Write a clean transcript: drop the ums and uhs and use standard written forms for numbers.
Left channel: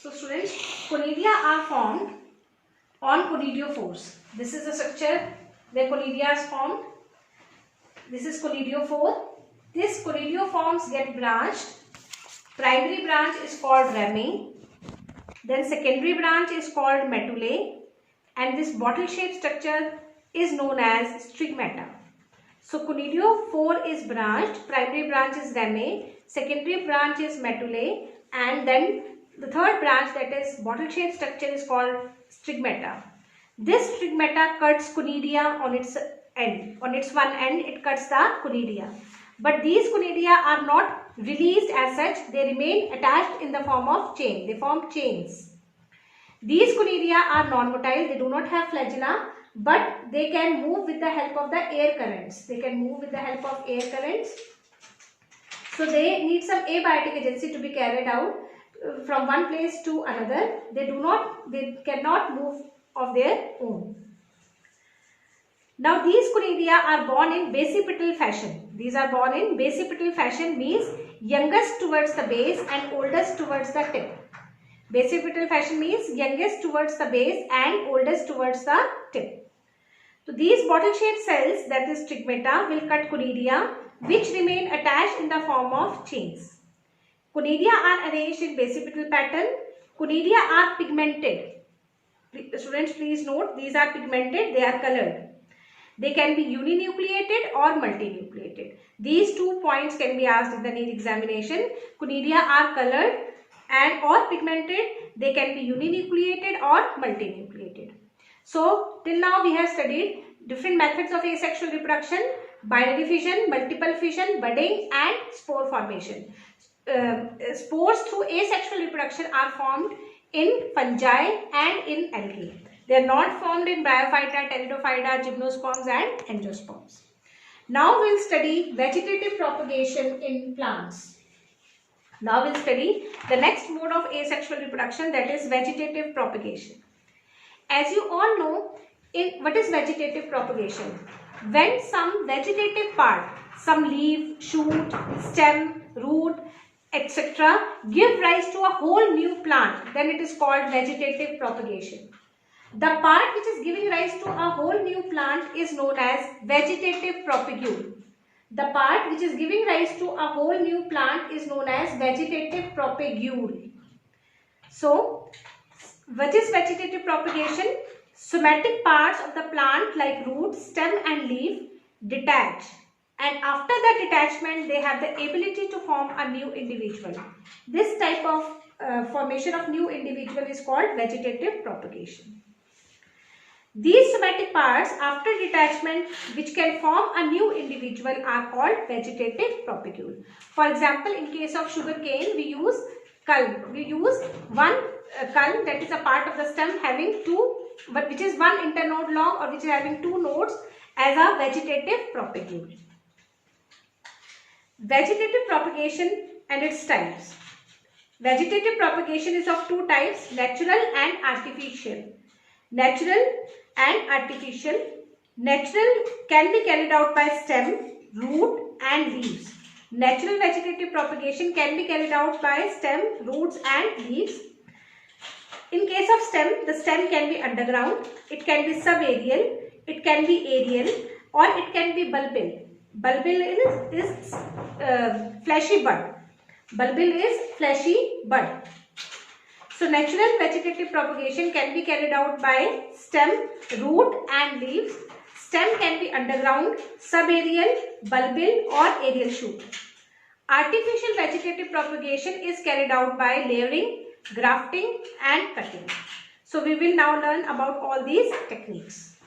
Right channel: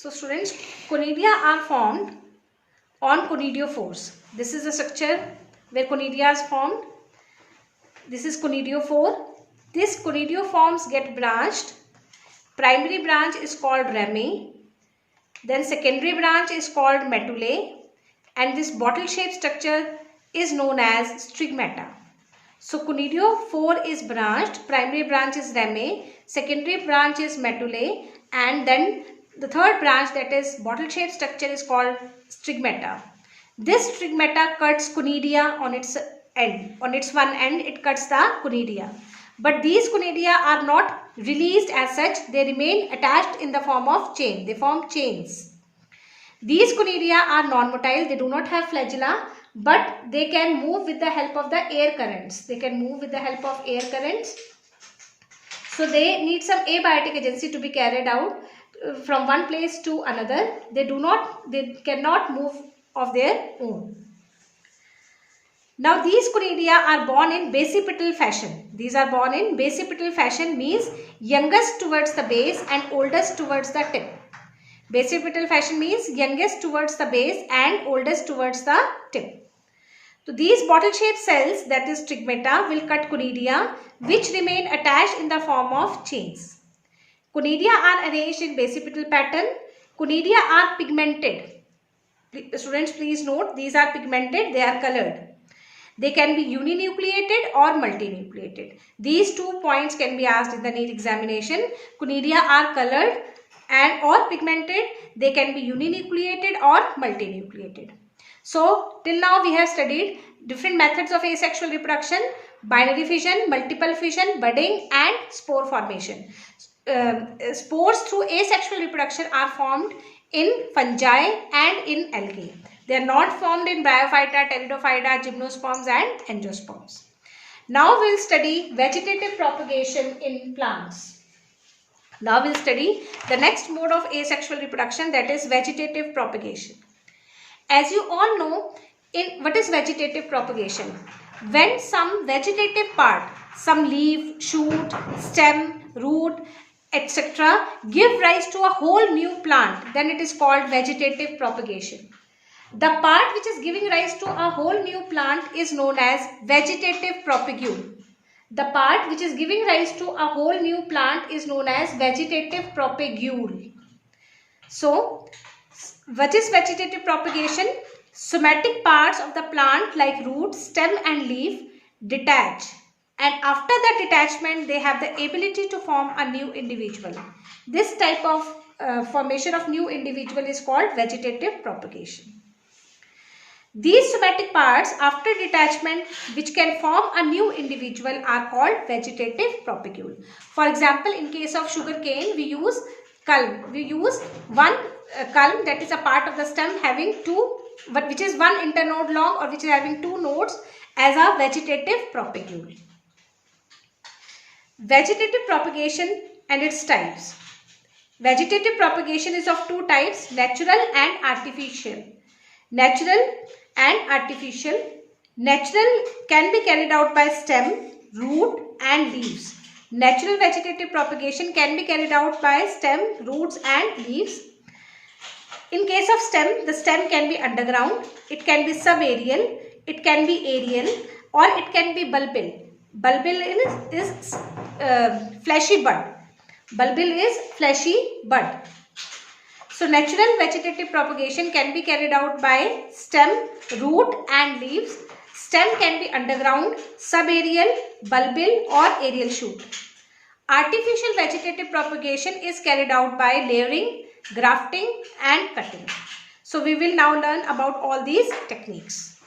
So students, conidia are formed on conidiophores. This is the structure where conidia is formed. This is conidiophore. This conidioforms get branched. Primary branch is called rami. Then secondary branch is called medullae. And this bottle-shaped structure is known as stigmata. So conidiophore is branched. Primary branch is rami. Secondary branch is medullae. And then the third branch, that is bottle-shaped structure, is called stigmata. This stigmata cuts conidia on its end. On its one end, it cuts the conidia. But these conidia are not released as such. They remain attached in the form of chain. They form chains. These conidia are non-motile. They do not have flagella, but they can move with the help of the air currents. They can move with the help of air currents. So they need some abiotic agency to be carried out from one place to another. They cannot move of their own. Now these conidia are born in basipetal fashion. These are born in basipetal fashion, means youngest towards the base and oldest towards the tip. Basipetal fashion means youngest towards the base and oldest towards the tip. So these bottle-shaped cells, that is stigmata, will cut conidia which remain attached in the form of chains. Conidia are arranged in basipetal pattern. Conidia are pigmented. Students, please note, these are pigmented, they are colored. They can be uninucleated or multinucleated. These 2 points can be asked in the NEET examination. Conidia are colored and or pigmented. They can be uninucleated or multinucleated. So till now we have studied different methods of asexual reproduction: binary fission, multiple fission, budding and spore formation. Spores through asexual reproduction are formed in fungi and in algae. They are not formed in bryophyta, pteridophyta, gymnosperms and angiosperms. Now we will study vegetative propagation in plants. Now we will study the next mode of asexual reproduction, that is vegetative propagation. As you all know, what is vegetative propagation? When some vegetative part, some leaf, shoot, stem, root, etc. give rise to a whole new plant, then it is called vegetative propagation. The part which is giving rise to a whole new plant is known as vegetative propagule. The part which is giving rise to a whole new plant is known as vegetative propagule. So, what is vegetative propagation? Somatic parts of the plant like root, stem and leaf detach. And after the detachment, they have the ability to form a new individual. This type of formation of new individual is called vegetative propagation. These somatic parts after detachment which can form a new individual are called vegetative propagule. For example, in case of sugarcane, we use culm. We use one culm, that is a part of the stem having which is one internode long or which is having 2 nodes, as a vegetative propagule. Vegetative propagation and its types. Vegetative propagation is of 2 types, natural and artificial. Natural and artificial. Natural can be carried out by stem, root and leaves. Natural vegetative propagation can be carried out by stem, roots and leaves. In case of stem, the stem can be underground, it can be subaerial, it can be aerial or it can be bulbil. Bulbil is fleshy bud. Bulbil is fleshy bud. So natural vegetative propagation can be carried out by stem, root and leaves. Stem can be underground, subaerial, bulbil or aerial shoot. Artificial vegetative propagation is carried out by layering, grafting and cutting. So we will now learn about all these techniques.